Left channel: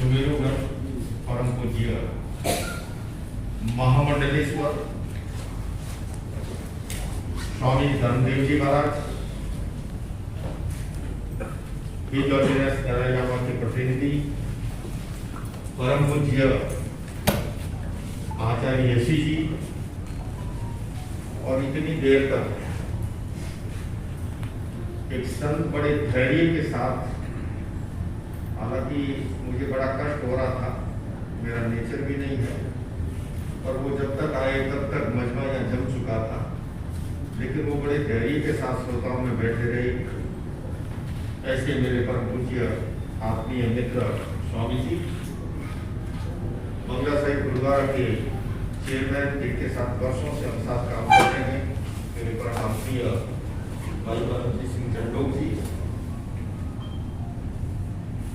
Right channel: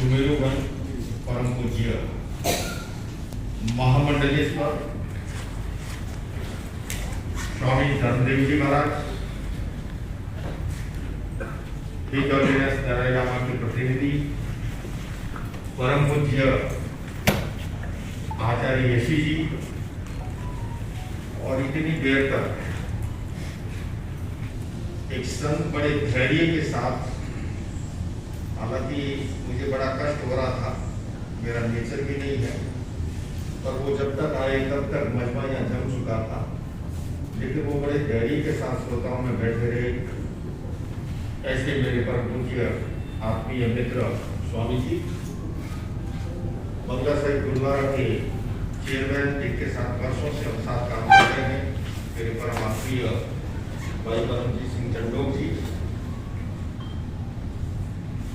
सुमेरुगण परम पूज्य महामंडलेश्वर स्वामी धर्मदेव जी महाराज, के प्रतिनिधि परम पूज्य आचार्य यशी जी, और इतनी देर तक एक संत बड़े धैर्य के साथ, हालांकि मुझे बड़ा कष्ट हो रहा था, मेरा नेचर भी नहीं है, पर वो जब तक आए तब तक मजमा यहाँ जम चुका था, लेकिन वो बड़े धैर्य के साथ श्रोताओं में बैठे रहे। ऐसे मेरे परम पूज्य आत्मीय मित्र स्वामी जी, बंगला साहिब गुरुद्वारा के चेयरमैन, जिनके साथ वर्षों से हम साथ काम करते हैं, मेरे परम आत्मीय भाई परमजीत सिंह चंडोक जी,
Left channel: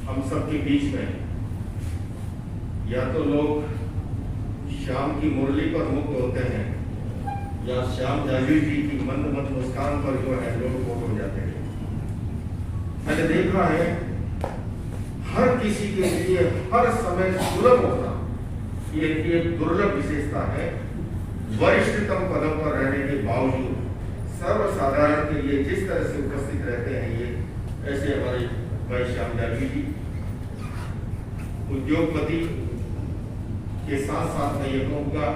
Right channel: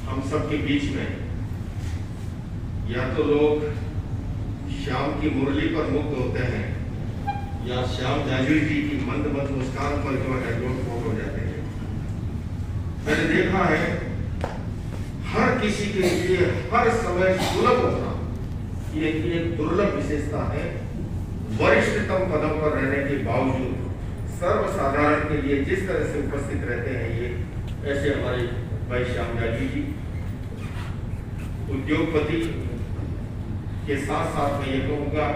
हम सबके बीच में या तो लोग श्याम की मुरली पर मुक्त होते हैं, या श्याम जागीर जी की मंद मंद मुस्कान पर जो है लोग हो जाते हैं। मैंने देखा है हर किसी के लिए हर समय सुलभ होना ये एक दुर्लभ विशेषता है। वरिष्ठतम पदों पर रहने के बावजूद सर्वसाधारण के लिए जिस तरह से उपस्थित रहते हैं, ये ऐसे हमारे भाई श्याम जागीर जी उद्योगपति के साथ साथ मैं ये कहूँगा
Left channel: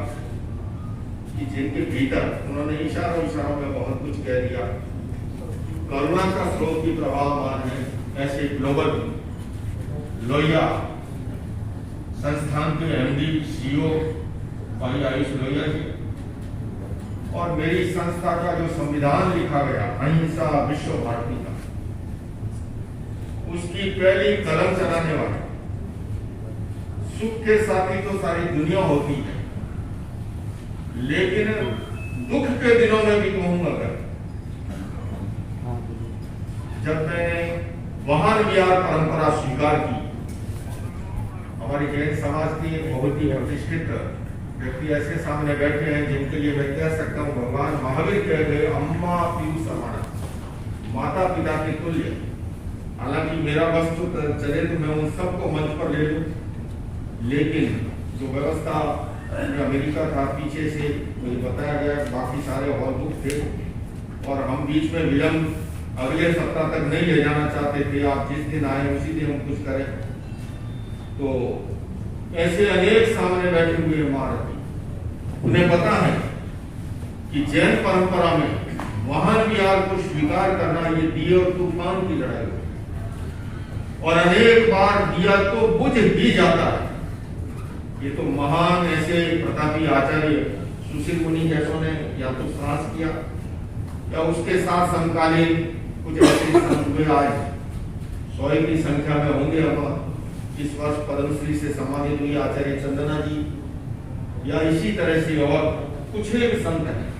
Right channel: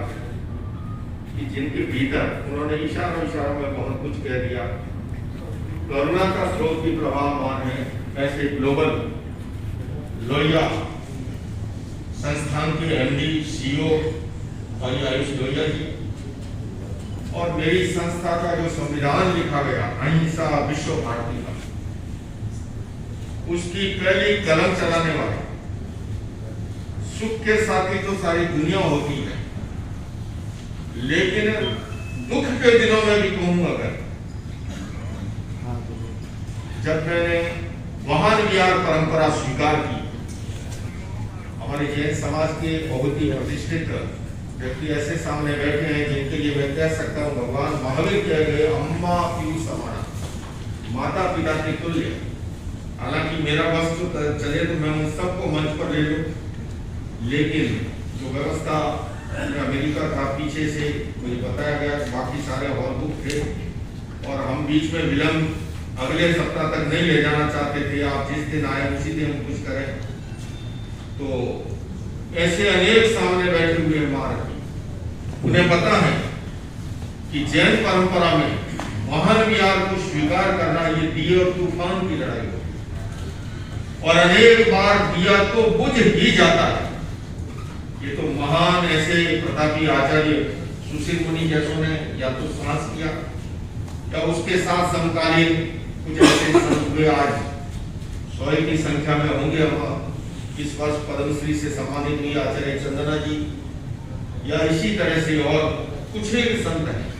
कि जिनके भीतर उन्होंने इशारों में बहुत कुछ कह दिया, करुणा का स्रोत भी प्रभावमान है, ऐसे ग्लोबल लोहिया संस्थान के एमडी सीईओ भाई आयुष लोहिया जी, और मेरी संस्था का जो संविधान लिखा गया अहिंसा विश्व भारती का, उसकी पहली कलम चलाने वाले, सुख के साथी तो सारी दुनिया होती है, लेकिन दुख के दिनों में भी कहूं, अगर जब मैंने महान विहार परंपरा स्वीकार की, हमारे जैन समाज के बहुत ही प्रतिष्ठित व्यक्ति ऐसे सामने बैठे हैं जिनके लिए मैं कह सकता हूँ भगवान महावीर कह गए अम्मा पीयू समान, माता पिता के तुल्य। हालांकि मेरा वस्तु चले तो मैं उन सबको मंच पर ले लूं, लेकिन जो व्यवस्था अमेरिका का पीछे से मुझे बताया गया, बाकी सारे और बुक थे और हम बीच में विलंब अगले सप्ताह तक नहीं ले जाना चाहते थे। आप जिस दिन आए उसी दिन हम कुछ करें, तो ऐसे अनेक सामने बैठे हुए महाराज, उन्हें पता है कि जैन परंपरा में महान विहार को स्वीकार करना ये दिए और तूफान की लड़ाई है, और अनेक बार दिया तो बुझ ही जाता है। ये तो महान ऐसे प्रतापी आचार्य सुशील मुनि जैसों ने या तो श्वास किया, या उसके साथ समकालीन कुछ ऐसे संत हुए, आज 100 की संख्या में होंगे। हम इस वर्ष पद्मश्री से सम्मानित हुई आचार्य चंदना जी, या इसी तरह से और कुछ ही संत हैं।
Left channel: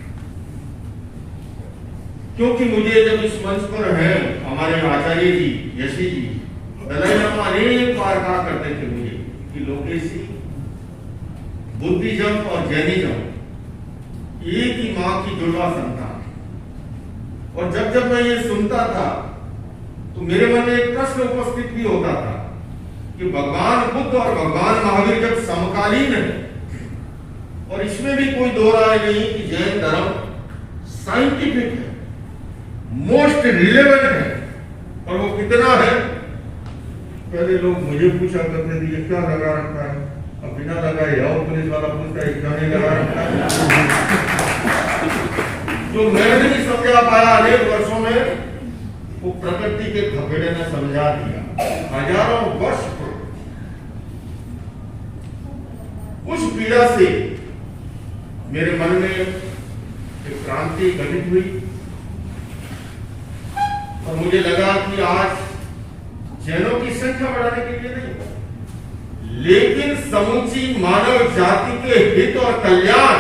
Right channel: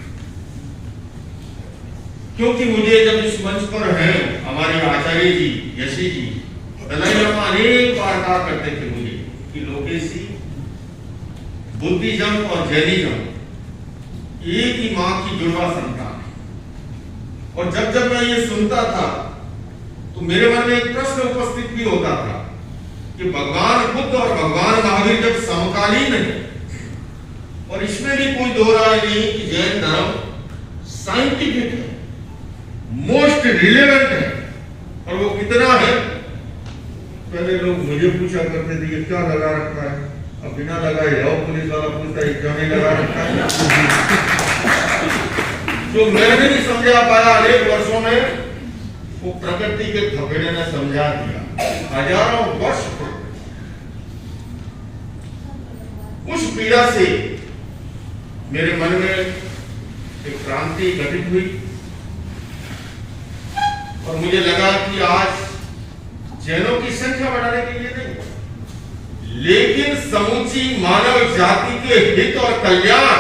क्योंकि मुझे जब इस मंच पर हैं हमारे आचार्य जी यशी जी, अनेक बार कहा करते थे मुझे कि लोकेशी, बुद्धिज्म और जैनिज्म एक ही मां की जुड़वा संतान है। और जब जब मैं ये सुनता था तो मेरे मन में एक प्रश्न उपस्थित भी होता था कि भगवान बुद्ध और भगवान महावीर जब समकालीन है, और इसमें भी कोई दो राय नहीं कि जैन धर्म साइंटिफिक है, मोस्ट रिलेवेंट है, और वो कितना है। पहले लोग मुझे पूछा करते थे ये क्या लगा रखा है, अब बिना लगाए और पुलिस वाला पूछता है क्या नहीं लगा रखा है। जो मैंने नहीं समझा पाया अनेक वर्षों में, वो प्रकृति के थपेड़े में समझा दिया। हजारों वर्ष उस पीड़ा से मेरे मन में एक क्रांति घटित हुई, और मुझे लगा कि आज जैनों की संख्या बढ़ाने के लिए नहीं, लेकिन समूची मानव जाति के हित और कल्याण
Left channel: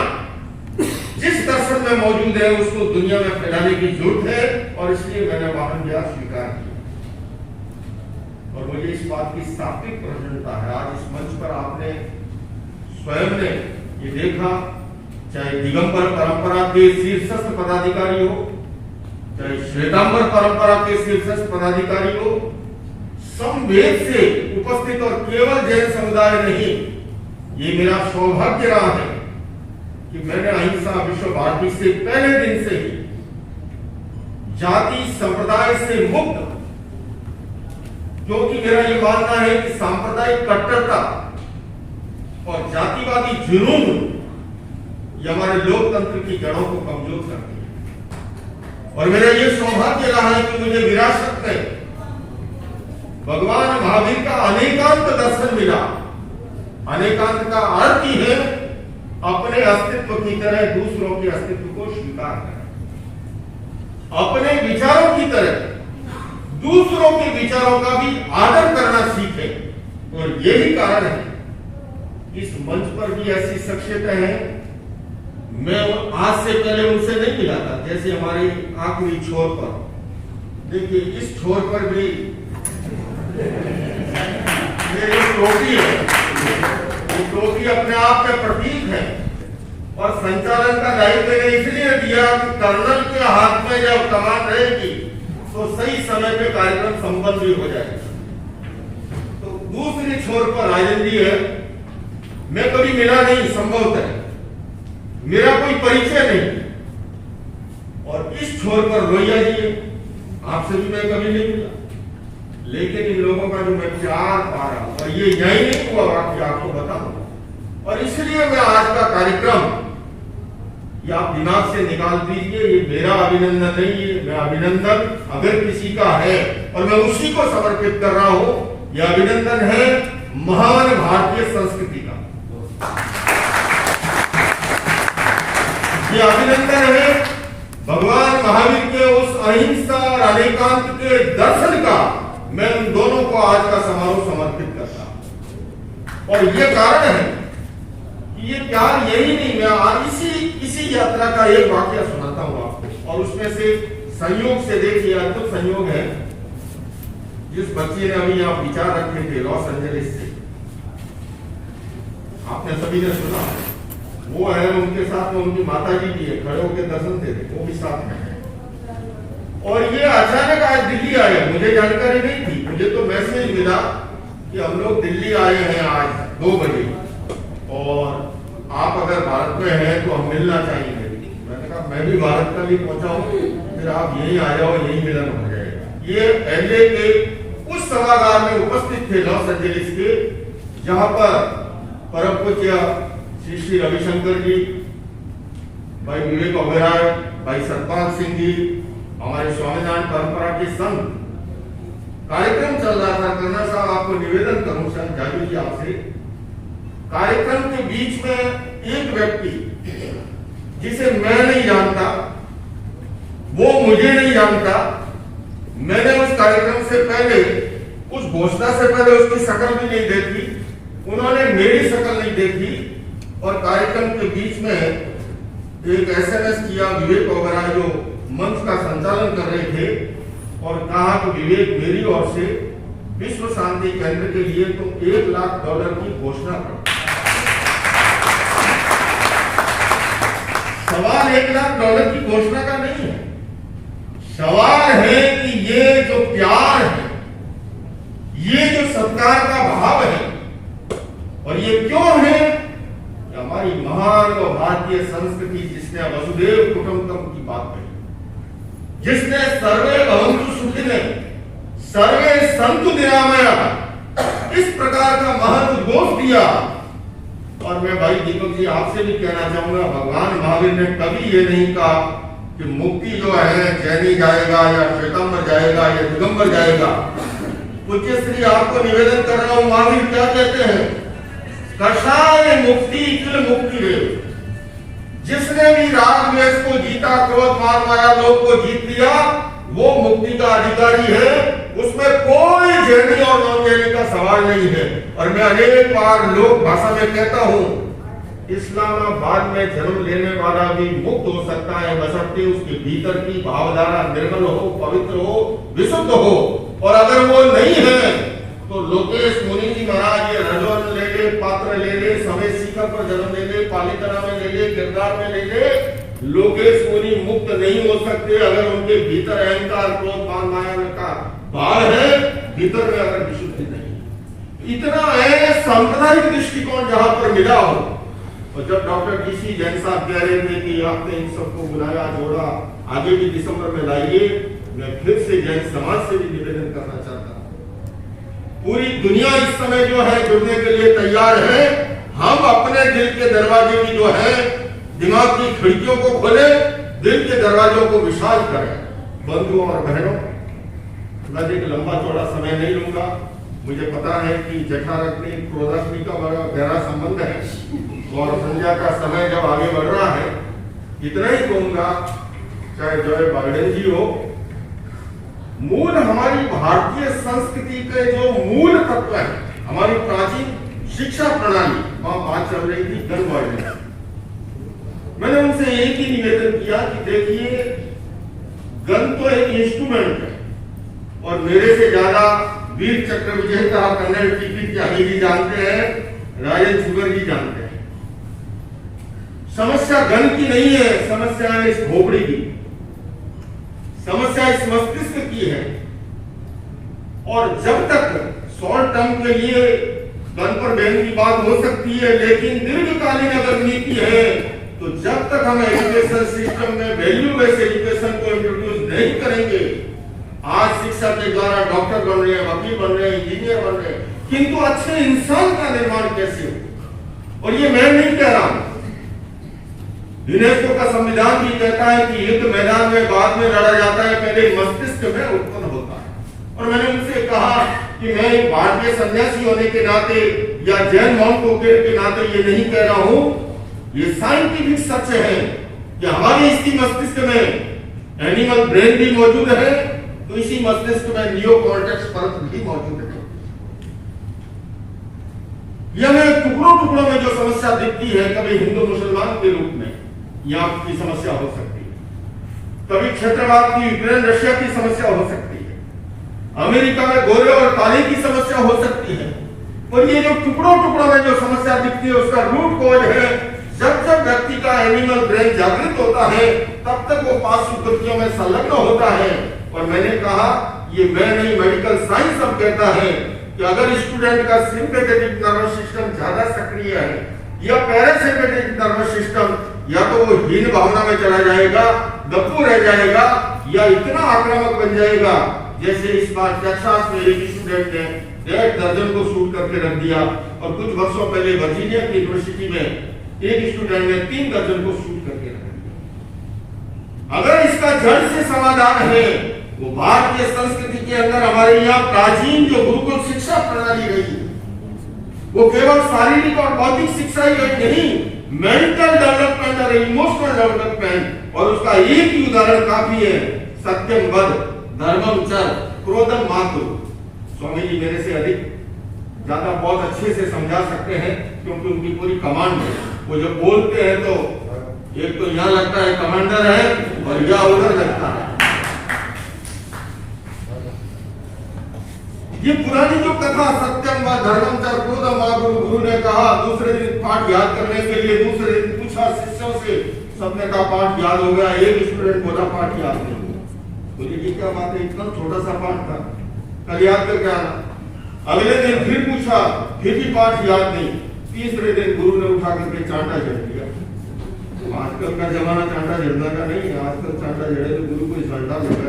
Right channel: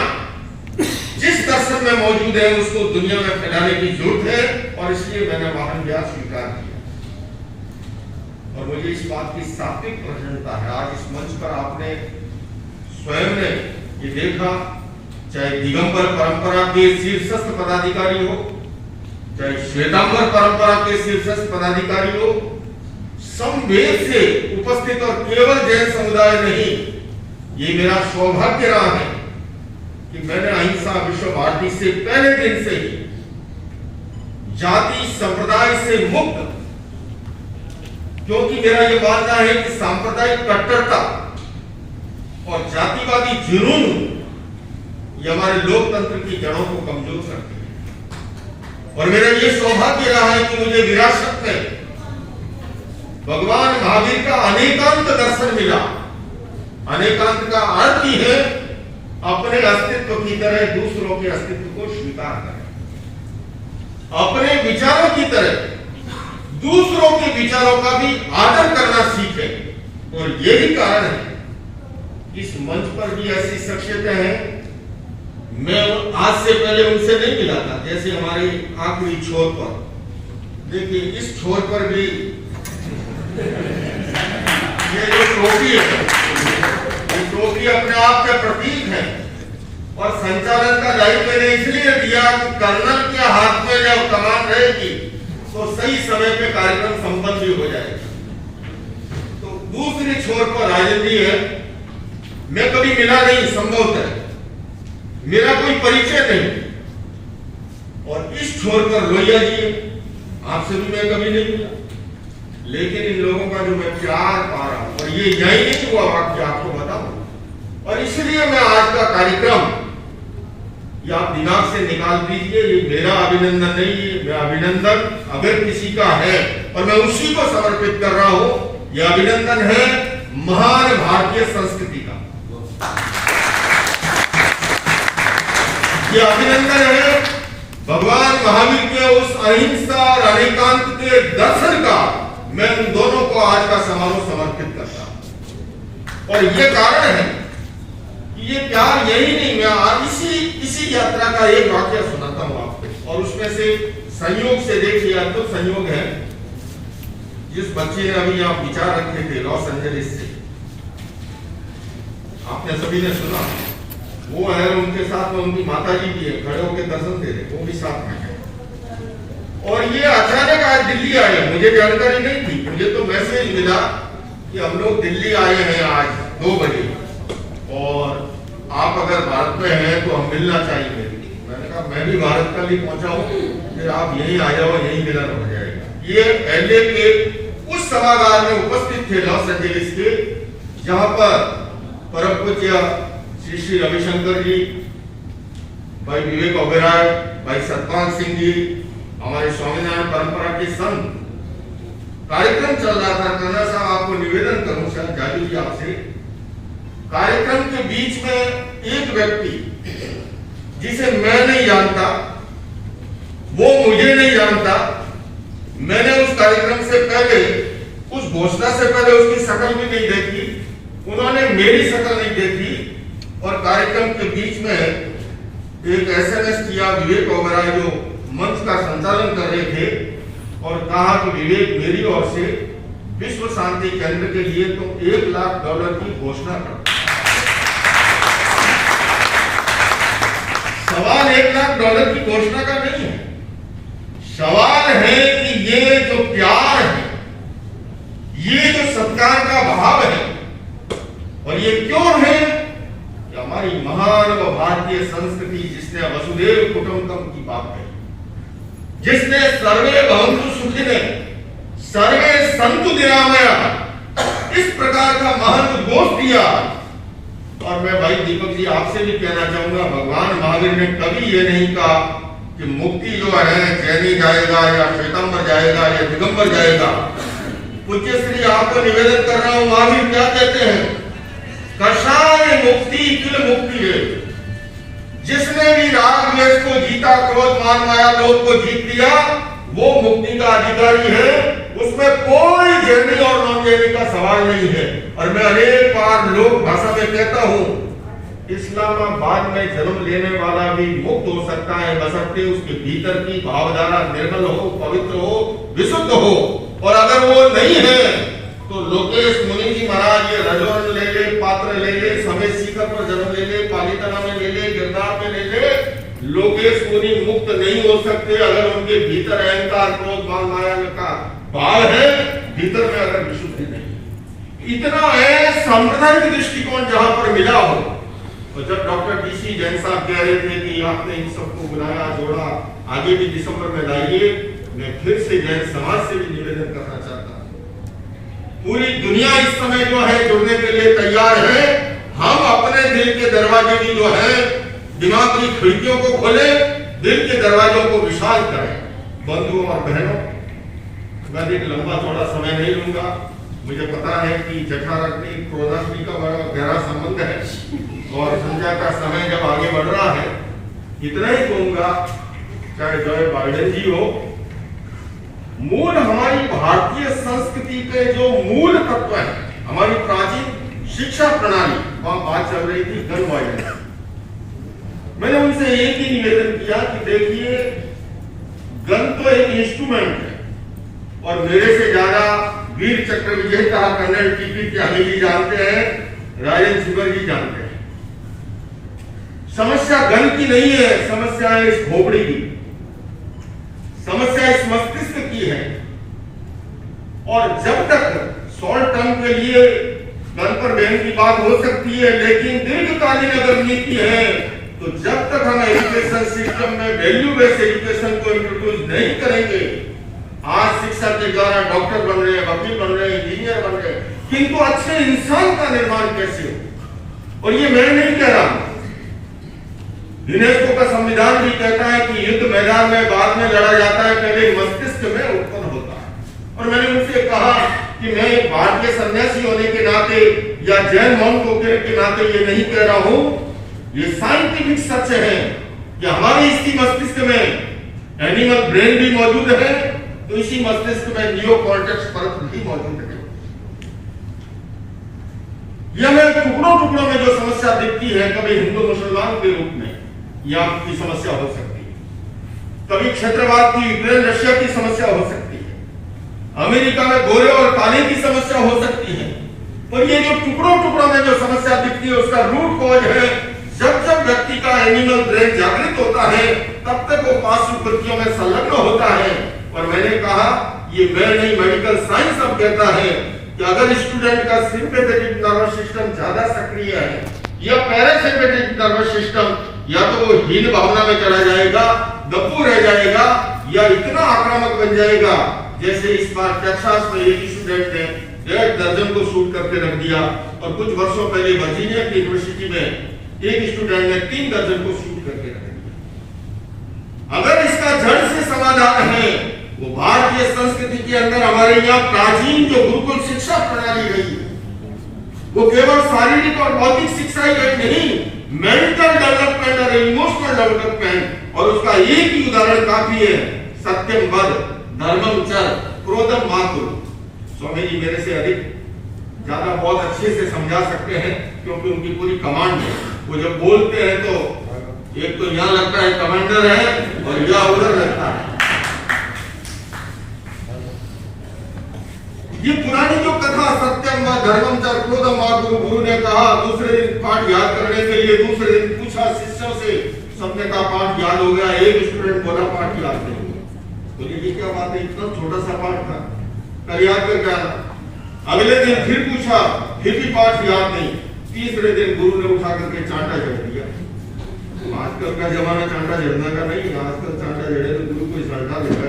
जिस दर्शन में मौजूद है उसको दुनिया में फैलाने की जरूरत है, और इसलिए मैंने वाहन विहार स्वीकार किया। और मुझे इस बात की सात्विक प्रसन्नता है, आज इस मंच पर आपने स्वयं ने ये देखा, चाहे दिगंबर परंपरा के शीर्षस्थ पदाधिकारी हो, चाहे श्वेतांबर परंपरा के शीर्षस्थ पदाधिकारी हो, समवेत से उपस्थित और केवल जैन समुदाय नहीं, ये मेरा सौभाग्य रहा है कि मैंने अहिंसा विश्व भारती से पहले दिन से ही जाति संप्रदाय से मुक्त, क्योंकि मेरा यह मानना है कि सांप्रदायिक कट्टरता और जातिवादी जुनून ये हमारे लोकतंत्र की जड़ों को कमजोर करते हैं। और मेरा यह सौभाग्य रहा है कि मुझे विरासत में भगवान महावीर का अनेकांत दर्शन मिला। अनेकांत का अर्थ ही है अपने अस्तित्व की तरह दूसरों के अस्तित्व को स्वीकार करें, अपने विचारों की तरह दूसरों के विचारों का भी आदर करना सीखें। और यही कारण है इस मंच पर भी ऐसी शख्सियतें हैं, मैं आज से पहले उनसे नहीं मिला था। जैसे हमारी आखिरी छोर पर देखिए, इस छोर पर भी ये जो टोपी है, ये टोपी अपने आप का प्रतीक है और संचालन का दायित्व मैंने इसलिए दिया कि कर्नल के हाथ में जब कमान रहेगी तो सही समय पे कार्यक्रम संपन्न भी हो जाएगा। तो दूसरी छोर पर राजन जी है, मैं कभी मिला नहीं, संभवतः मेरा कोई परिचय नहीं। और इस छोर पर लोहिया जी, आपसे भी मैं कभी नहीं मिला, लेकिन इन लोगों का जो मैं प्यार पा रहा हूं, और ये यही नहीं हुआ वाक्य आपको बताऊं। और इसलिए मैं आज का कार्यक्रम ये आप दिमाग से निकाल दीजिए, ये मेरा अभिनंदन नहीं है, मैं अभिनंदन अगर किसी का है और मैं उसी को समर्पित कर रहा हूं, यह अभिनंदन है महान भारतीय संस्कृति का। यह अभिनंदन है भगवान महावीर के उस अहिंसा और अनेकांत के दर्शन का। मैं उन दोनों को आज का समारोह समर्पित करता हूं। और ये कारण है कि ये प्यार यही नहीं, मैं आज इसी यात्रा का एक वाक्य सुनाता हूं आपको। और उसमें से संयोग से देखिए, अद्भुत संयोग है, जिस बच्चे ने अभी यहाँ विचार रखे थे लॉस एंजलिस से, आपने सभी ने सुना, वो है, उनके साथ में उनकी माता जी भी है, खड़े होकर दर्शन दे रहे, वो भी साथ में है। और ये अचानक आज दिल्ली आए, मुझे जानकारी नहीं थी, मुझे तो मैसेज मिला कि हम लोग दिल्ली आए हैं आज 2 बजे और आप अगर भारत में हैं तो हम मिलना चाहेंगे। मैंने कहा मैं भी भारत का भी पहुंचा हूं, फिर आप यहीं आ जाओ, यहीं मिलन हो जाएगा। ये एलए के उस सभागार में उपस्थित थे लॉस एंजलिस के, जहां पर परम पूज्य श्री श्री रविशंकर जी, भाई विवेक ओबेरॉय, भाई सतपाल सिंह जी, हमारे स्वामीनारायण परंपरा के संत, कार्यक्रम चल रहा था। कर्नल साहब, आपको निवेदन करूं, शायद जादू जी आपसे, कार्यक्रम के बीच में एक व्यक्ति जिसे मैं नहीं जानता, वो मुझे नहीं जानता, मैंने उस कार्यक्रम से पहले, उस घोषणा से पहले उसकी शक्ल भी नहीं देखी, उन्होंने मेरी शक्ल नहीं देखी, और कार्यक्रम के बीच में एक SMS किया विवेक ओबेरॉय जो मंच का संचालन कर रहे थे, और कहा कि विवेक, मेरी ओर से विश्व शांति केंद्र के लिए तो $1 लाख की घोषणा कर। सवाल $1 लाख की घोषणा का नहीं है, सवाल है कि ये जो प्यार है, ये जो सत्कार का भाव है, और ये क्यों है? हमारी महान व भारतीय संस्कृति, जिसने वसुधैव कुटुंबकम की बात कही, जिसने सर्वे भवन्तु सुखिनः सर्वे सन्तु निरामयाः, इस प्रकार का महान उद्घोष दिया। और मैं भाई दीपक जी आपसे भी कहना चाहूंगा, भगवान महावीर ने कभी ये नहीं कहा कि मुक्ति जो है जैनी जाएगा या श्वेतांबर जाएगा या दिगंबर जाएगा। पूज्य श्री आपको निवेदन कर रहा हूं, महावीर क्या कहते हैं? कषाय मुक्ति किल मुक्ति है। जिसने भी राग द्वेष को जीता, क्रोध मान माया लोभ को जीत लिया, वो मुक्ति का अधिकारी है। उसमें कोई जैनी और नॉन जैनी का सवाल नहीं है। और मैं अनेक बार लोक भाषा में कहता हूं, इस्लामाबाद में जन्म लेने वाला भी मुक्त हो सकता है, बशर्ते उसके भीतर की भावधारा निर्मल हो, पवित्र हो, विशुद्ध हो। और अगर वो नहीं है तो लोकेश मुनि जी महाराज ये रजवन ले ले, पात्र ले ले, समय शिखर पर जन्म ले ले, पालीताना में ले ले, गिरनार में ले ले, लोकेश मुनि मुक्त नहीं हो सकते अगर उनके भीतर अहंकार, क्रोध, मान, माया का भाव है। भीतर में अगर विशुद्धि नहीं, इतना है सांप्रदायिक दृष्टिकोण जहां पर मिला हो। और जब डॉक्टर DC जैन साहब कह रहे थे कि आपने इन सबको बुलाया जोड़ा, आगे भी दिसंबर में लाइए, मैं फिर से जैन समाज से भी निवेदन करना चाहता हूं, पूरी दुनिया इस समय जो है जुड़ने के लिए तैयार है। हम अपने दिल के दरवाजे की जो है दिमाग की खिड़कियों को खोले, दिल के दरवाजों को विशाल करें। बंधुओं और बहनों, मैं एक लंबा चौड़ा समय नहीं लूंगा। मुझे पता है कि जठराग्नि क्रोधाग्नि का बड़ा गहरा संबंध है और संध्या का समय जब आगे बढ़ रहा है, इतना ही कहूंगा, चाहे जय बाइडेन जी हो, मूल हमारी भारतीय संस्कृति के जो मूल तत्व है, हमारी प्राचीन शिक्षा प्रणाली, वहां बात चल रही थी गन वायलेंस। मैंने उनसे एक ही निवेदन किया कि देखिए, गन तो एक इंस्ट्रूमेंट है और मेरे से ज्यादा वीर चक्र विजेता कर्नल टीपी त्यागी जी जानते हैं, राजेंद्र सिंगर जी जानते हैं। समस्या गन की नहीं है, समस्या है इस खोपड़ी की, समस्या इस मस्तिष्क की है। और जब तक शॉर्ट टर्म के लिए गन पर बैन की बात हो सकती है, लेकिन दीर्घकालीन अगर नीति है तो जब तक हम एजुकेशन सिस्टम में वैल्यू बेस्ड एजुकेशन को इंट्रोड्यूस नहीं करेंगे, आज शिक्षा के द्वारा डॉक्टर बन रहे हैं, वकील बन रहे हैं, इंजीनियर बन रहे हैं, किंतु अच्छे इंसान का निर्माण कैसे हो? और ये मैं नहीं कह रहा हूं, यूनेस्को का संविधान भी कहता है कि युद्ध मैदान में बाद में लड़ा जाता है, पहले मस्तिष्क में उत्पन्न होता है। और मैंने उनसे कहा कि मैं एक भारतीय सन्यासी होने के नाते या जैन मॉन्क के नाते ये नहीं कह रहा हूं, ये साइंटिफिक सच है कि हमारे इसी मस्तिष्क में एनिमल ब्रेन भी मौजूद है, तो इसी मस्तिष्क में नियोकॉर्टेक्स परत भी मौजूद है। यह में टुकड़ों टुकड़ों में जो समस्या दिखती है, कभी हिंदू मुसलमान के रूप में यह आपकी समस्या हो सकती है, कभी क्षेत्रवाद की यूक्रेन रशिया की समस्या हो सकती है, अमेरिका में गोरे और काले की समस्या हो सकती है। और ये जो टुकड़ों टुकड़ों में जो समस्या दिखती है, उसका रूट कॉज है जब जब व्यक्ति का एनिमल ब्रेन जागृत होता है, तब तक वो पार्श्व कृतियों में संलग्न होता है। और मैंने कहा, ये मैं नहीं, मेडिकल साइंस अब कहता है कि अगर स्टूडेंट का सिंपैथेटिक नर्वस सिस्टम ज्यादा सक्रिय है या पैरासिम्पैथेटिक नर्वस सिस्टम, या तो वो हीन भावना में चला जाएगा, गप्पू रह जाएगा, या इतना आक्रामक बन जाएगा। जैसे इस बार टेक्सास में एक स्टूडेंट ने 1.5 दर्जन को शूट करके रख दिया, और कुछ वर्षों पहले वर्जीनिया की यूनिवर्सिटी में एक स्टूडेंट ने 3 दर्जन को शूट करके रख दिया। अगर इसका जड़ से समाधान है, वो भारतीय संस्कृति के अंदर हमारे यहाँ प्राचीन जो गुरुकुल शिक्षा प्रणाली रही है, वो केवल शारीरिक और बौद्धिक शिक्षा ही नहीं, मेंटल डेवलपमेंट और इमोशनल डेवलपमेंट। और उसका एक ही उदाहरण काफी है, सत्यम वद, धर्मम चर, क्रोधम मातु। स्वामी जी मेरे से अधिक ज्यादा बहुत अच्छे से समझा सकते हैं, क्योंकि उनकी पूरी कमांड है। वो जब बोलते हैं तो एक तो यहाँ लगता है कमांडर है, और यहाँ उधर लगता है। ये पुरानी जो कथा सत्यम व धर्मम चर क्रोधम मातु, गुरु ने कहा दूसरे दिन पाठ याद करने के लिए, दूसरे दिन पूछा शिष्यों से, सबने कहा पाठ याद हो गया। एक स्टूडेंट बोला पाठ याद नहीं हुआ। बोले ये क्या बात है, इतना छोटा सा पाठ था, कल याद करके आना। अगले दिन फिर पूछा, फिर भी पाठ याद नहीं। तीसरे दिन गुरु ने उठा करके चांटा जड़ दिया। आजकल का जमाना चांटा जड़ने का नहीं है, आजकल चांटा जड़े तो गुरु को चांटा लगा।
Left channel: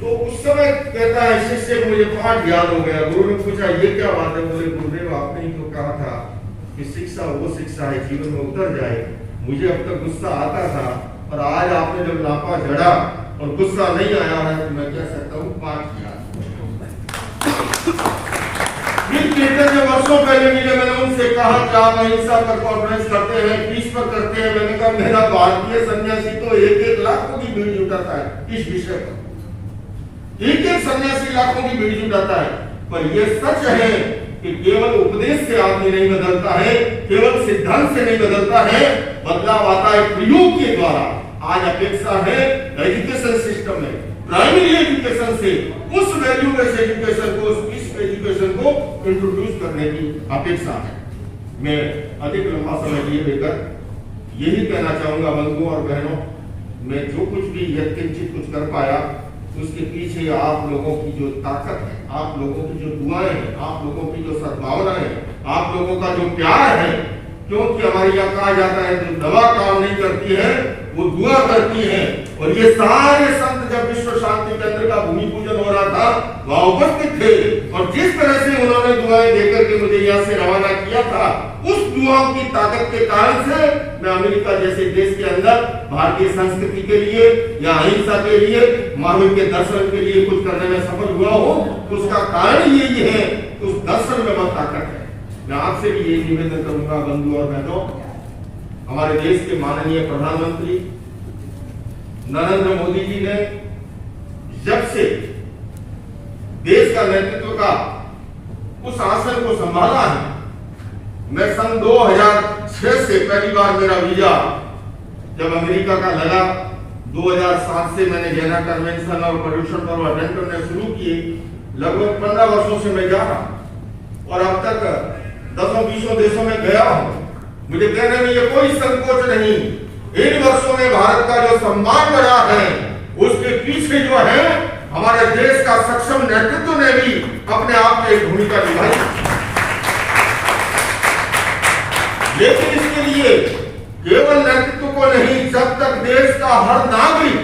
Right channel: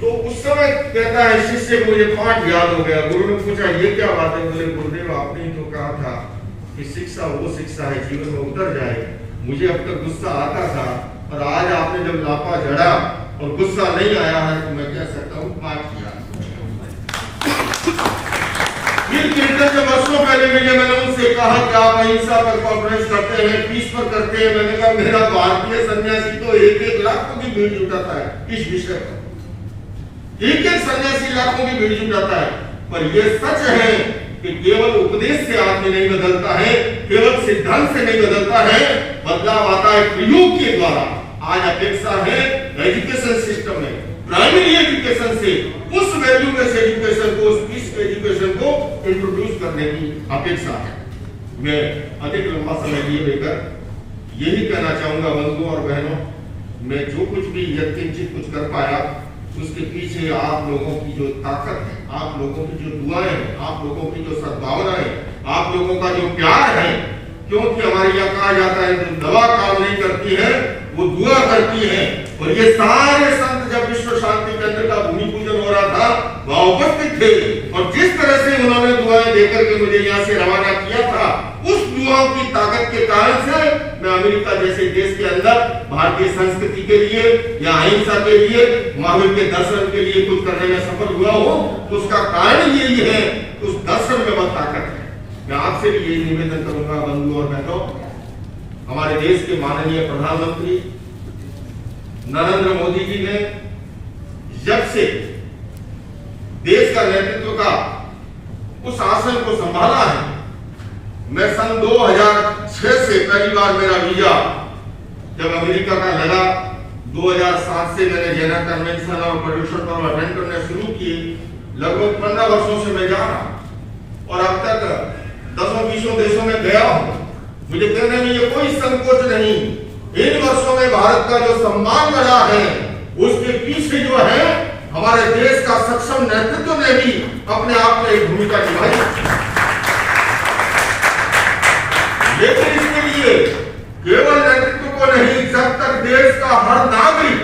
तो उस समय कहता है शिष्य, मुझे पाठ याद हो गया। गुरु ने पूछा ये क्या बात है? बोले गुरुदेव आपने तो कहा था कि शिक्षा वो शिक्षा है जीवन में उतर जाए। मुझे अब तक गुस्सा आता था, और आज आपने जब लापा जड़ा और गुस्सा नहीं आया है, तो मैं कह सकता हूँ पाठ किया। फिर कीर्तन जो वर्षों पहले मिले, मैंने उनसे कहा कि आप अहिंसा पर कॉन्फ्रेंस करते हैं, पीस पर करते हैं। मैंने कहा मेरा भारतीय सन्यासी तो 1-1 लाख को भी भीड़ जुटाता है इस विषय पर, 1-1 सन्यासी लाखों की भीड़ जुटाता है। पर यह सच है कि केवल उपदेश से आदमी नहीं बदलता है, केवल सिद्धांत से नहीं बदलता है, बदलाव आता है प्रयोग के द्वारा। आज अपेक्षा है एजुकेशन सिस्टम में, प्राइमरी एजुकेशन से उस वैल्यू बेस्ड एजुकेशन को, उस पीस एजुकेशन को इंट्रोड्यूस करने की अपेक्षा है। मैं अधिक लंबा समय लिए लेकर यही कहना चाहूंगा बंधुओं और बहनों, मैं जो कुछ भी यत्किंचित कुछ कर पाया, उसके पीछे आप लोगों की जो ताकत है, आप लोगों की जो दुआएं हैं, आप लोगों की जो सद्भावनाएं हैं, आप लोगों का जो प्यार है। क्योंकि हमारे यहाँ कहा जाता है जो दवा काम नहीं करती है वो दुआ करती है। और ये सारे संत जब विश्व शांति केंद्र का भूमि पूजन हो रहा था वहां उपस्थित थे, और जिस तरह से उन्होंने दुआएं देकर के मुझे यहाँ से रवाना किया था, उस दुआओं की ताकत के कारण से मैं अमेरिका जैसे देश के अंदर भारतीय संस्कृति के लिए या अहिंसा के लिए, महावीर के दर्शन के लिए कुछ करने में सफल हुआ हूँ। उसका कारण यही है, उस दर्शन में बहुत ताकत है। मैं आपसे भी यही निवेदन करूंगा बंधु और बहनों, हमारे देश के माननीय प्रधानमंत्री नरेंद्र मोदी जी ने जब से देश का नेतृत्व का उस आसन को संभाला है, मैं सन 2006 से पहली बार मेरा वीजा जब अमेरिका का लगा, 2007 से मैंने जेना कन्वेंशन और प्रदूषण पर्व अटेंड करने शुरू किए। लगभग 15 वर्षों से मैं जा रहा और अब तक 10-20 देशों में गया हूं। मुझे कहने में ये कोई संकोच नहीं। इन वर्षों में भारत का जो सम्मान बढ़ा है उसके पीछे जो है हमारे देश का सक्षम नेतृत्व ने भी अपने आप में एक भूमिका निभाई। लेकिन इसके लिए केवल नेतृत्व को नहीं, जब तक देश का हर नागरिक,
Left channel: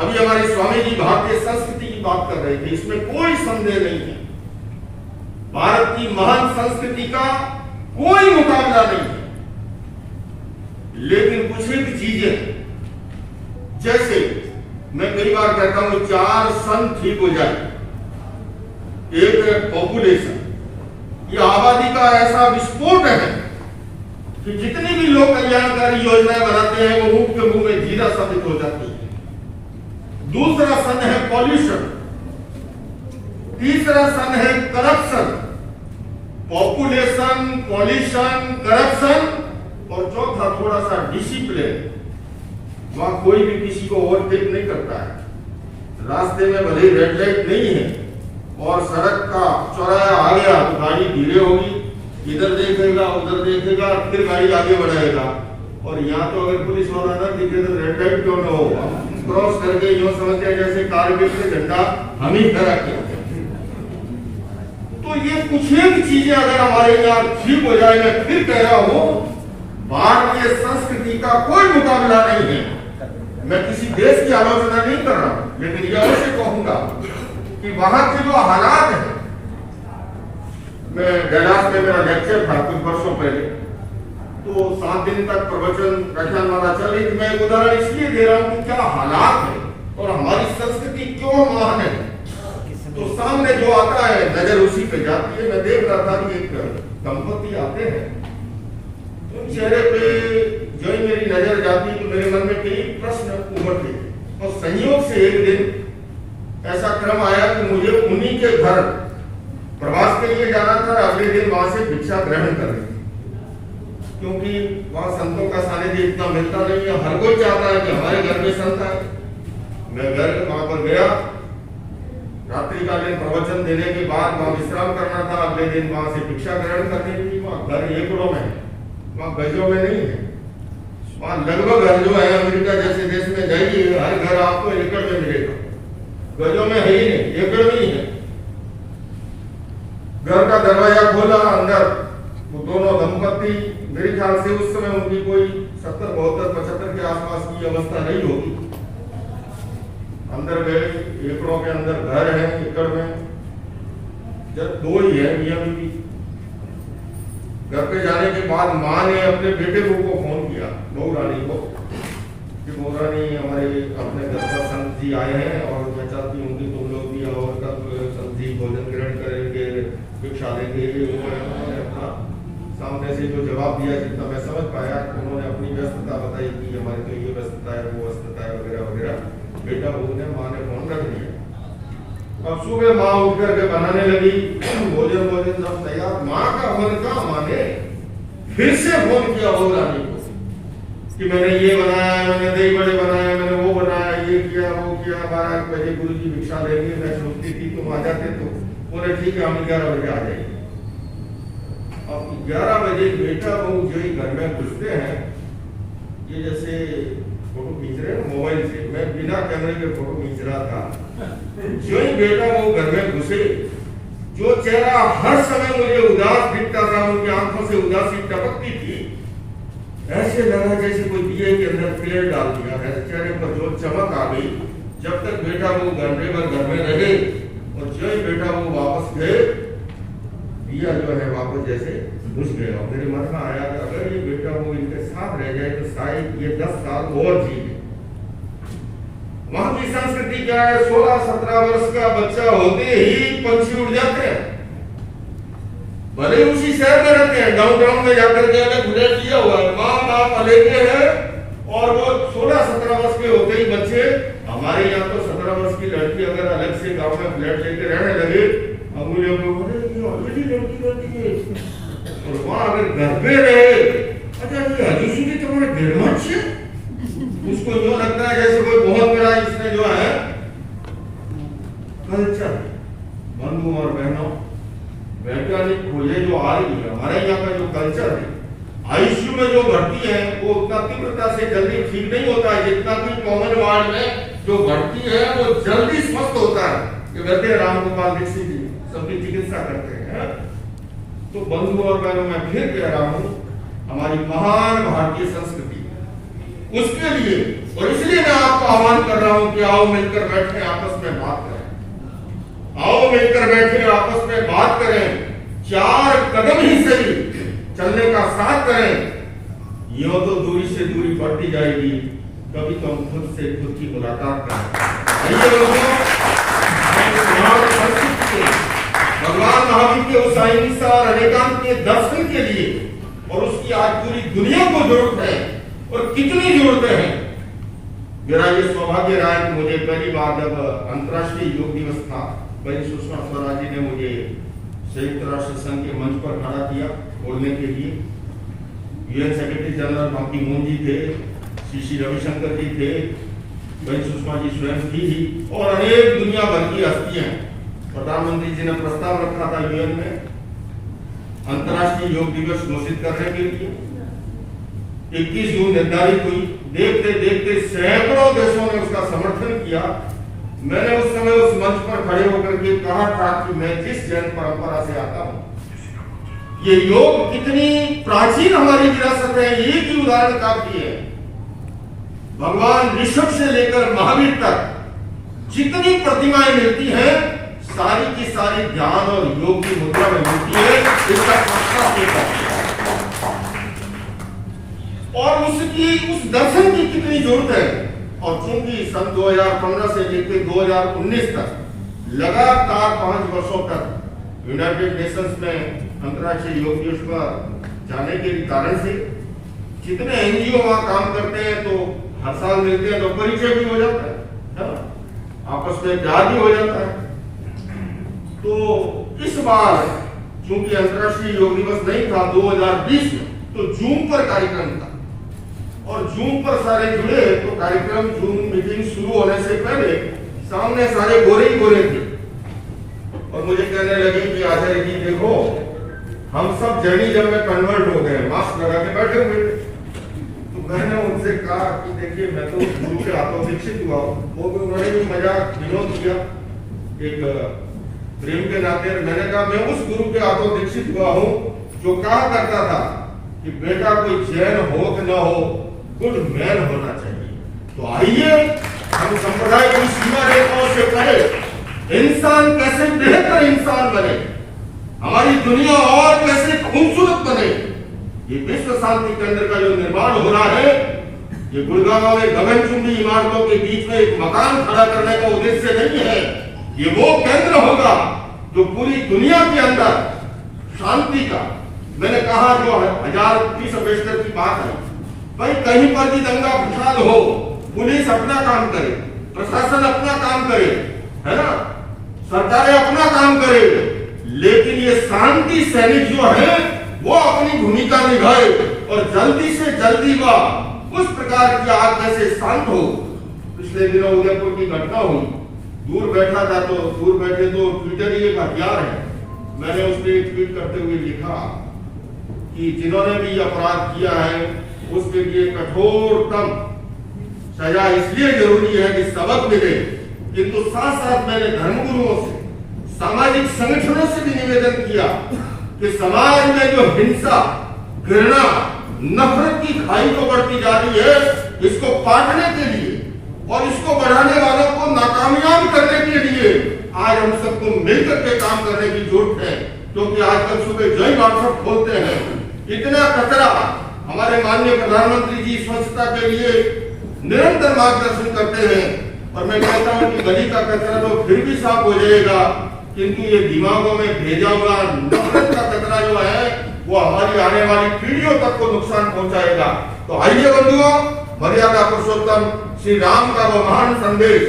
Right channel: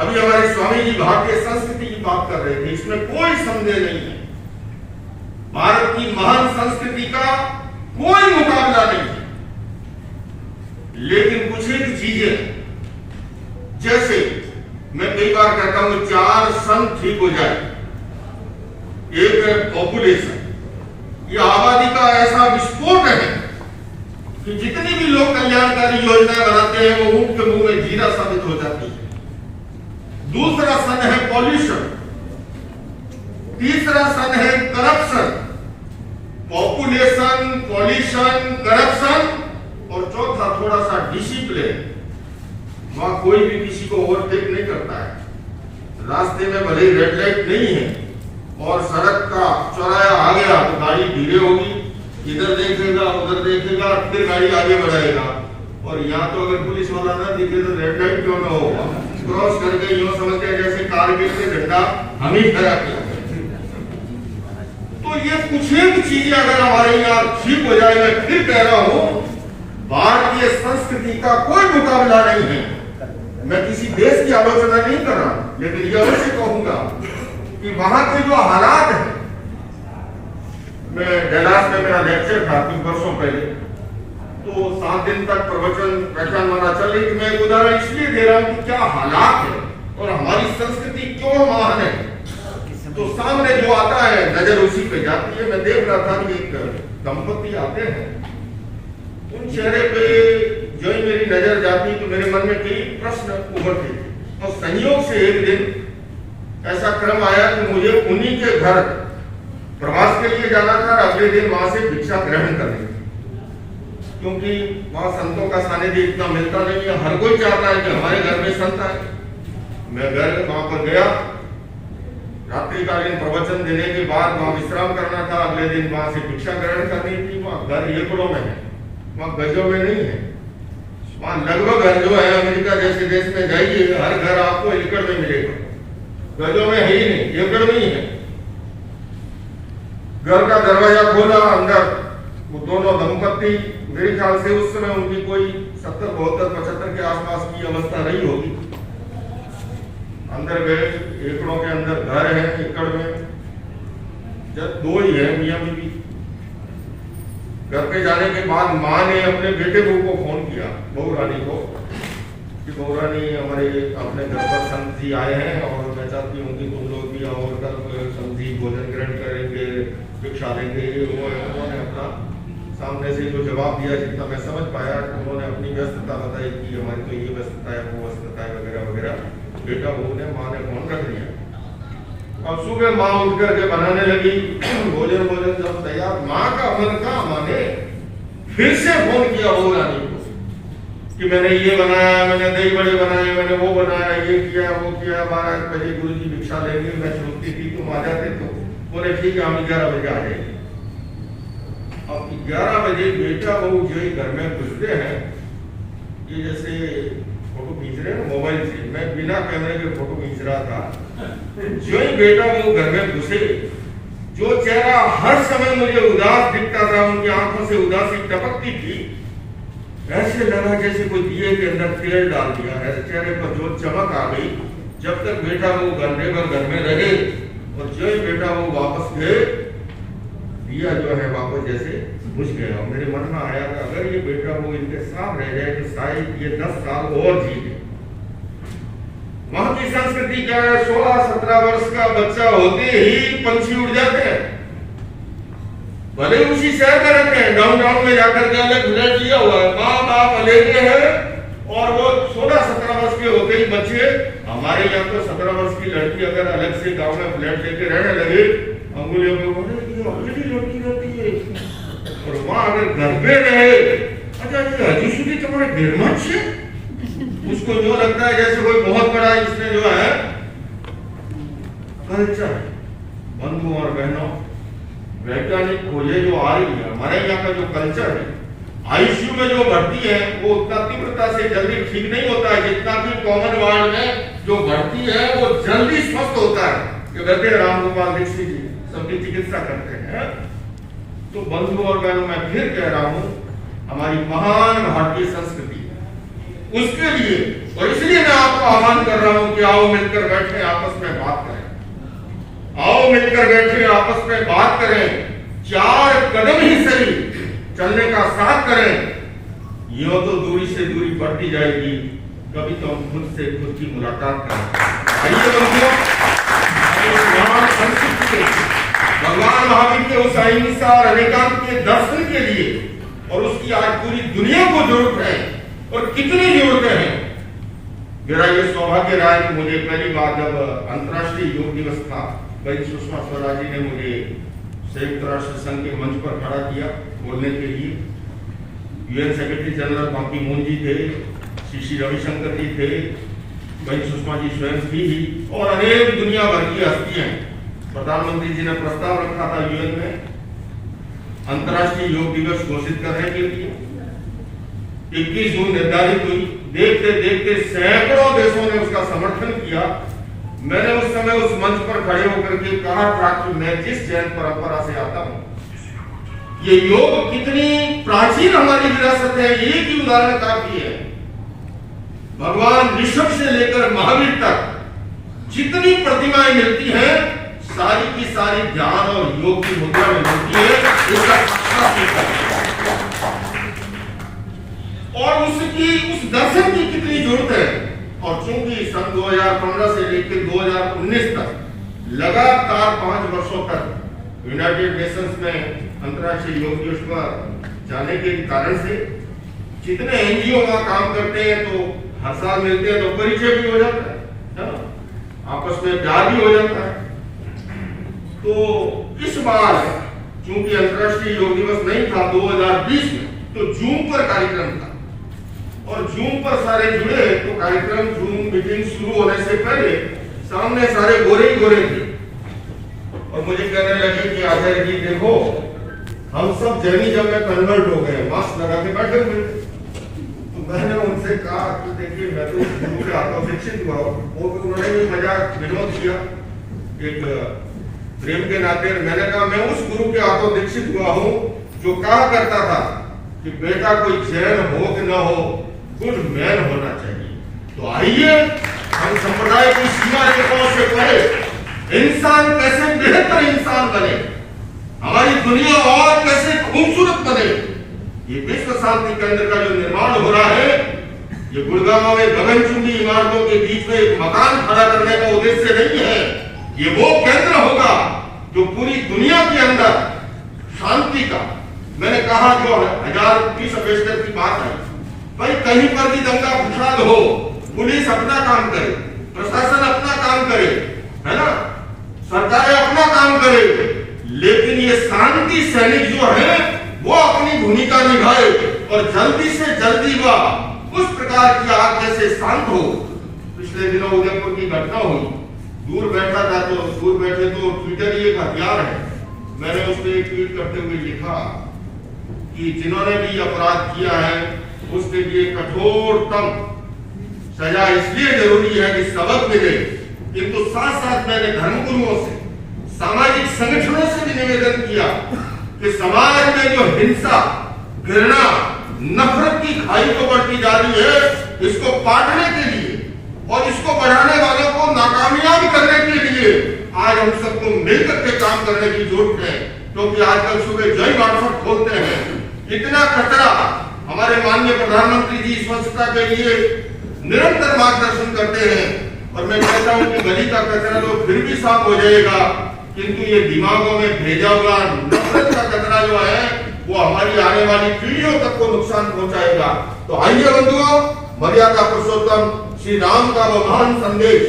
अभी हमारे स्वामी जी भारतीय संस्कृति की बात कर रहे थे, इसमें कोई संदेह नहीं है। भारत की महान संस्कृति का कोई मुकाबला नहीं है। लेकिन कुछ एक चीजें, जैसे मैं कई बार कहता हूं 4 सन ठीक हो जाए। एक पॉपुलेशन, ये आबादी का ऐसा विस्फोट है कि जितनी भी लोग कल्याणकारी योजनाएं बनाते हैं वो मुंह के मुंह में जीरा साबित हो जाती है। दूसरा सन है पॉल्यूशन, तीसरा सन है करप्शन। पॉपुलेशन, पॉल्यूशन, करप्शन, और चौथा थोड़ा सा डिसिप्लिन। वहां कोई भी किसी को ओवरटेक नहीं करता है। रास्ते में भले रेड लाइट नहीं है और सड़क का चौराहा आ गया तो गाड़ी धीरे होगी, इधर देखेगा उधर देखेगा, फिर गाड़ी आगे बढ़ाएगा। और यहाँ तो अगर पुलिस वाला ना दिखे तो रेड लाइट क्यों ना होगा, क्रॉस करके यूं समझते हैं जैसे कारगिल में झंडा हम ही फहरा के। तो ये कुछ एक चीजें अगर हमारे यहाँ ठीक हो जाए, मैं फिर कह रहा हूं भारतीय संस्कृति का कोई मुकाबला नहीं है। मैं किसी देश की आलोचना नहीं कर रहा, लेकिन यह अवश्य कहूंगा कि वहां के जो हालात है, मैं डैलास में मेरा लेक्चर था कुछ वर्षों पहले, तो 7 दिन तक प्रवचन व्याख्यानमाला चल रही थी। मैं एक उदाहरण इसलिए दे रहा हूं कि क्या हालात है और हमारी संस्कृति क्यों महान है। तो सामने जो आता है नजर उसी पे जाती है। मैं देख रहा था कि एक दंपति आते हैं, उन चेहरे पे जो ही मेरी नजर जाती तो मेरे मन में कई प्रश्न उभरते। और संयोग से एक दिन ऐसा क्रम आया कि मुझे उन्हीं के घर प्रवास के लिए जाना था। अगले दिन वहां से भिक्षा ग्रहण करनी थी, क्योंकि वहां संतों का सानिध्य इतना मिलता नहीं है। हर कोई चाहता है कि हमारे घर में संत आए। मैं घर वहां पर गया, रात्रिकालीन प्रवचन देने के बाद वहां विश्राम करना था। अगले दिन वहां से भिक्षा ग्रहण करनी थी। वहां घर एकड़ों में है, वहां गजों में नहीं है। वहां लगभग घर जो है अमेरिका जैसे देश में जाइए, हर घर आपको एकड़ में मिलेगा, गजों में है ही नहीं, एकड़ में ही है। घर का दरवाजा खोला, अंदर वो दोनों दंपति, मेरे ख्याल से उस समय उनकी कोई 70, 72, 75 के आसपास की अवस्था नहीं होगी। अंदर गए, एकड़ों के अंदर घर है, एकड़ में जब 2 ही है, मियां बीवी। घर पे जाने के बाद माँ ने अपने बेटे बहू को फोन किया, बहू रानी को, कि बहू रानी हमारे अपने घर पर संत जी आए हैं और मैं चाहती हूँ कि तुम लोग भी और कल संत जी भोजन ग्रहण करेंगे, भिक्षा लेंगे। उन्होंने अपना सामने से जो जवाब दिया, जितना मैं समझ पाया, उन्होंने अपनी व्यस्तता बताई कि हमारी तो ये व्यस्तता है, वो व्यस्तता है, वगैरह वगैरह। बेटा बहू ने, माँ ने फोन कर दिया। अब सुबह माँ उठ करके बनाने लगी भोजन। जब तैयार, माँ का मन का माने फिर से फोन किया बहू रानी को कि मैंने ये बनाया, मैंने दही बड़े बनाए, मैंने वो बनाया, ये किया, वो किया। 12 बजे गुरु जी भिक्षा लेंगे, मैं सुनती थी, तुम आ जाते तो बोले ठीक है, हम 11 बजे आ जाएंगे। अब 11 बजे बेटा बहू जो ही घर में घुसते हैं, ये जैसे फोटो खींच रहे हैं मोबाइल से, मैं बिना कैमरे के फोटो खींच रहा था। जो ही बेटा वो घर में घुसे, जो चेहरा हर समय मुझे उदास दिखता था, उनकी आंखों से उदासी टपकती थी, ऐसे लगा जैसे कोई दिए के अंदर तेल डाल दिया है। चेहरे पर जो चमक आ गई। जब तक बेटा वो घंटे भर घर में रहे और जो ही बेटा वो वापस गए, दिया जो है वापस जैसे बुझ गया। मेरे मन में आया कि अगर ये बेटा वो इनके साथ रह जाए तो शायद ये 10 साल और जी ले। वहां की संस्कृति क्या है, 16-17 वर्ष का बच्चा होते ही पंछी उड़ जाते हैं, भले उसी शहर में रहते हैं, डाउनटाउन में जाकर के अलग फ्लैट लिया हुआ है, माँ बाप अलग है, और वो 16-17 वर्ष के होते ही बच्चे, हमारे यहाँ तो 17 वर्ष की लड़की अगर अलग से गांव में फ्लैट लेके रहने लगे, अंगुलियों को लड़की रहती है, और वहां अगर घर में रहे, अच्छा हजू सुधी तुम्हारे गिरमट से, उसको जो लगता है जैसे कोई बहुत बड़ा इसमें जो है कल्चर। बंधुओं और बहनों, वैज्ञानिक खोजें जो आ रही है, हमारे यहाँ का जो कल्चर है, आईसीयू में जो भर्ती है वो उतना तीव्रता से जल्दी ठीक नहीं होता है जितना कि कॉमन वार्ड में जो भर्ती है वो जल्दी स्वस्थ होता है। ये कहते हैं रामगोपाल दीक्षित जी सबकी चिकित्सा करते हैं। तो बंधुओं और बहनों, मैं फिर कह रहा हूं, हमारी महान भारतीय संस्कृति, उसके लिए और इसलिए मैं आपको आह्वान कर रहा हूं कि आओ मिलकर बैठे, आपस में बात करें। आओ मिलकर बैठे, आपस में बात करें, 4 कदम ही सही चलने का साथ करें। ये तो दूरी से दूरी बढ़ती जाएगी, कभी तो हम खुद से खुद की मुलाकात करें। भगवान महावीर के उस अहिंसा और अनेकांत के दर्शन के लिए, और उसकी आज पूरी दुनिया को जरूरत है, और कितनी जरूरत है। मेरा ये सौभाग्य रहा है कि मुझे पहली बार जब अंतर्राष्ट्रीय योग दिवस था, बहन सुषमा स्वराज जी ने मुझे संयुक्त राष्ट्र संघ के मंच पर खड़ा किया बोलने के लिए। यूएन सेक्रेटरी जनरल बां की मून जी थे, श्री रविशंकर जी थे, बहन सुषमा जी स्वयं थी ही, और अनेक दुनिया भर की हस्तियां। प्रधानमंत्री जी ने प्रस्ताव रखा था यूएन में अंतर्राष्ट्रीय योग दिवस घोषित करने के लिए। 21 जून निर्धारित हुई। देखते देखते सैकड़ों देशों ने उसका समर्थन किया। मैंने उस समय उस मंच पर खड़े होकर के कहा था कि मैं जिस जैन परंपरा से आता हूं, ये योग कितनी प्राचीन हमारी विरासत है, एक ही उदाहरण काफी है। भगवान ऋषभ से लेकर महावीर तक जितनी प्रतिमाएं मिलती हैं, सारी की सारी ध्यान और योग की मुद्रा में मिलती है। और उसकी उस दर्शन की कितनी जरूरत है। और चूंकि सन 2015 से लेकर 2019 तक लगातार 5 वर्षों तक यूनाइटेड नेशंस में अंतर्राष्ट्रीय योग दिवस पर जाने के कारण से जितने एनजीओ वहां काम करते हैं, तो हर साल मिलते हैं, तो परिचय भी हो जाता है ना, आपस में प्यार भी हो जाता है। तो इस बार चूंकि अंतर्राष्ट्रीय योग दिवस नहीं था 2020 में, तो जूम पर कार्यक्रम था, और जूम पर सारे जुड़े। तो कार्यक्रम जूम मीटिंग शुरू होने से पहले सामने सारे गोरे ही गोरे थे, और मुझे कहने लगे कि आचार्य जी देखो, हम सब जैनिज्म में कन्वर्ट हो गए, मास्क लगा के बैठे हुए। तो मैंने उनसे कहा कि देखिए, मैं तो गुरु के हाथों दीक्षित हुआ हूँ। वो भी उन्होंने भी मजाक विनोद किया एक प्रेम के नाते। मैंने कहा मैं उस गुरु के हाथों दीक्षित हुआ हूँ जो कहा करता था कि बेटा कोई जैन हो कि न हो, गुड मैन होना चाहिए। तो आइए हम संप्रदाय की सीमा रेखाओं से परे इंसान कैसे बेहतर इंसान बने, हमारी दुनिया और कैसे खूबसूरत बने। ये विश्व शांति केंद्र का जो निर्माण हो रहा है, ये गुड़गांव में गगनचुंबी इमारतों के बीच में एक मकान खड़ा करने का उद्देश्य नहीं है। ये वो केंद्र होगा जो पूरी दुनिया के अंदर शांति का, मैंने कहा जो 1020 अम्बेसडर की बात है, भाई कहीं पर भी दंगा फसाद हो, पुलिस अपना काम करे, प्रशासन अपना काम करे, है ना, सरकारें अपना काम करे, लेकिन ये शांति सैनिक जो है वो अपनी भूमिका निभाए, और जल्दी से जल्दी वह उस प्रकार की आग जैसे शांत हो। पिछले दिनों उदयपुर की घटना हुई, दूर बैठा था, तो दूर बैठे तो ट्विटर ही एक हथियार है। मैंने उस पर एक ट्वीट करते हुए लिखा कि जिन्होंने भी अपराध किया है उसके लिए कठोरतम सजा इसलिए जरूरी है कि सबक मिले, किंतु साथ साथ मैंने धर्मगुरुओं से, सामाजिक संगठनों से भी निवेदन किया कि समाज में जो हिंसा, घृणा, नफरत की खाई तो बढ़ती जा रही है, इसको पाटने के लिए और इसको बढ़ाने वालों को नाकामयाब करने के लिए आज हम सबको मिलकर के काम करने की जरूरत है। क्योंकि आजकल सुबह जय व्हाट्सएप खोलते हैं, इतना कचरा। हमारे माननीय प्रधानमंत्री जी स्वच्छता के लिए निरंतर मार्गदर्शन करते हैं और मैं कहता हूं कि गली का कचरा तो फिर भी साफ हो जाएगा, किंतु ये दिमागों में भेजा हुआ नफरत का कचरा जो है वो हमारी आने वाली पीढ़ियों तक को नुकसान पहुंचाएगा। तो आइए बंधुओं, मर्यादा पुरुषोत्तम श्री राम का वो महान संदेश,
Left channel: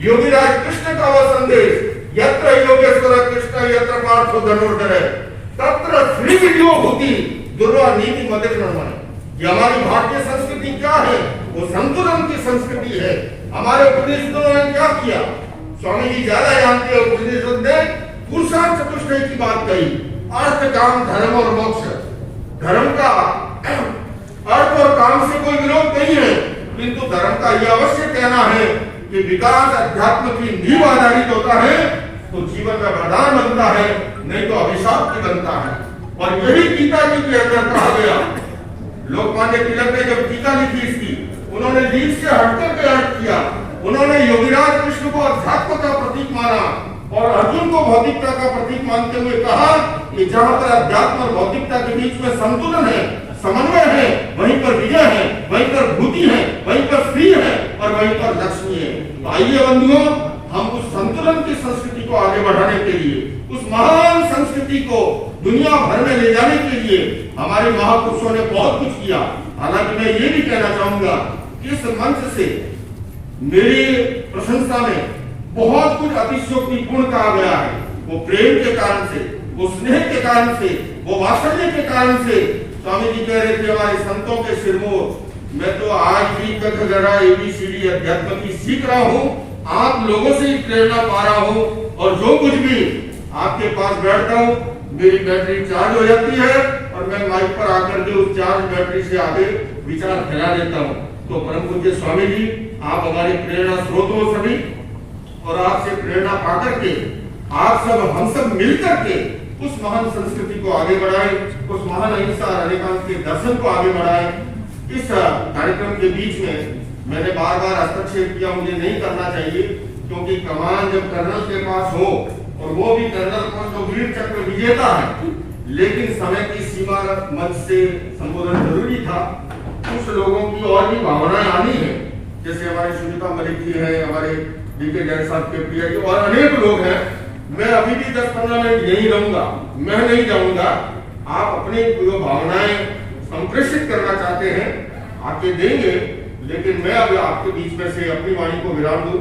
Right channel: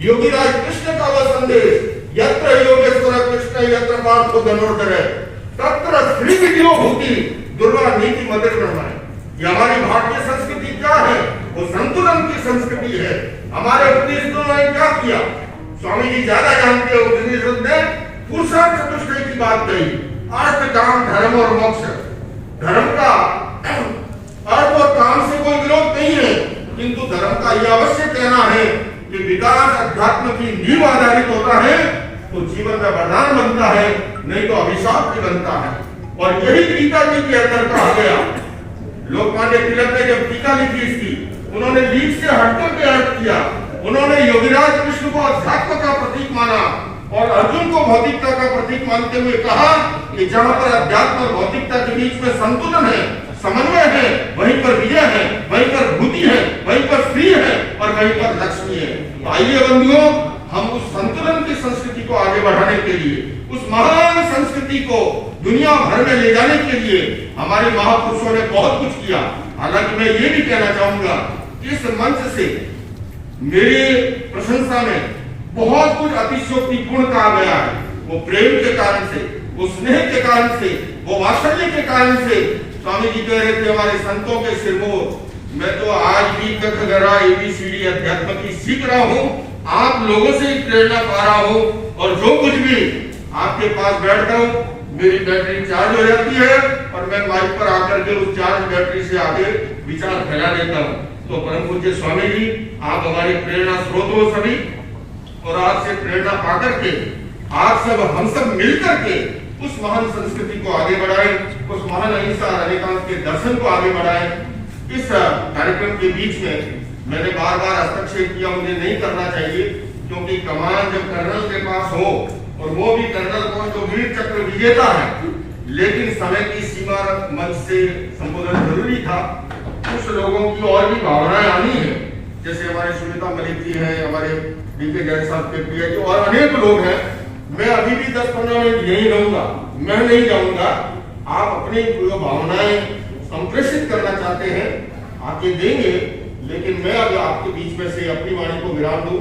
योगीराज कृष्ण का वो संदेश, यत्र योगेश्वर कृष्ण यत्र पार्थो धनुर्धर तत्र श्री विद्यो होती दुर्वा नीति मदद करना है। ये हमारी भारतीय संस्कृति क्या है? वो संतुलन की संस्कृति है। हमारे उपनिषदों ने क्या किया? स्वामी जी ज्यादा जानते हैं। उपनिषद ने पुरुषार्थ चतुष्टय की बात कही, अर्थ काम धर्म और मोक्ष। धर्म का अर्थ और काम से कोई विरोध नहीं है, किंतु धर्म का यह अवश्य कहना है कि विकास अध्यात्म की नींव आधारित होता है तो जीवन में वरदान बनता है, नहीं तो अभिशाप भी बनता है। और यही गीता जी के अंदर कहा गया। लोकमान्य तिलक ने जब टीका लिखी इसकी, उन्होंने लीक से हटने के अर्थ किया। उन्होंने योगीराज कृष्ण को अध्यात्म का प्रतीक माना और अर्जुन को भौतिकता का प्रतीक मानते हुए कहा कि जहां पर अध्यात्म और भौतिकता के बीच में संतुलन है, समन्वय है, वहीं पर विजय है, वहीं पर भूति है, वहीं पर श्री है और वहीं पर लक्ष्मी है। आइए बंधुओं, हम उस संतुलन की संस्कृति को आगे बढ़ाने के लिए, उस महान संस्कृति को दुनिया भर में ले जाने के लिए हमारे महापुरुषों ने बहुत कुछ किया। हालांकि मैं ये भी कहना चाहूंगा, इस मंच से मेरी प्रशंसा में बहुत कुछ अतिशयोक्तिपूर्ण कहा गया है। वो प्रेम के कारण से, वो स्नेह के कारण से, वो वात्सल्य के कारण से। स्वामी जी कह रहे थे हमारे संतों के सिरमौर, मैं तो आज भी कखगरा एबीसीडी अध्यात्म की सीख रहा हूँ, आप लोगों से ही प्रेरणा पा रहा हूँ और जो कुछ भी आपके पास बैठता हूँ मेरी बैटरी चार्ज हो जाती है और मैं माइक पर आकर के उस चार्ज बैटरी से आगे विचार फैला देता हूँ। तो परम पूज्य स्वामी जी, आप हमारे प्रेरणा स्रोत हो सभी, और आपसे प्रेरणा पाकर के आप सब, हम सब मिलकर के उस महान संस्कृति को आगे बढ़ाएं, उस महान अहिंसा अनेकांत के दर्शन को आगे बढ़ाएं। इस कार्यक्रम के बीच में मैंने बार बार हस्तक्षेप किया, मुझे नहीं करना चाहिए, क्योंकि कमान जब कर्नल के पास हो और वो भी कर्नल कौन तो वीर चक्र विजेता है, लेकिन समय की सीमा मंच से संबोधन जरूरी था। कुछ लोगों की और भी भावनाएं आनी है, जैसे हमारे सुनीता मलिक जी हैं, हमारे डीके जैन साहब के प्रिय जी और अनेक लोग हैं। मैं अभी भी 10-15 मिनट यहीं रहूंगा, मैं नहीं जाऊंगा। आप अपनी जो भावनाएं संप्रेषित करना चाहते हैं आके देंगे, लेकिन मैं अब आपके बीच में से अपनी वाणी को विराम दूं।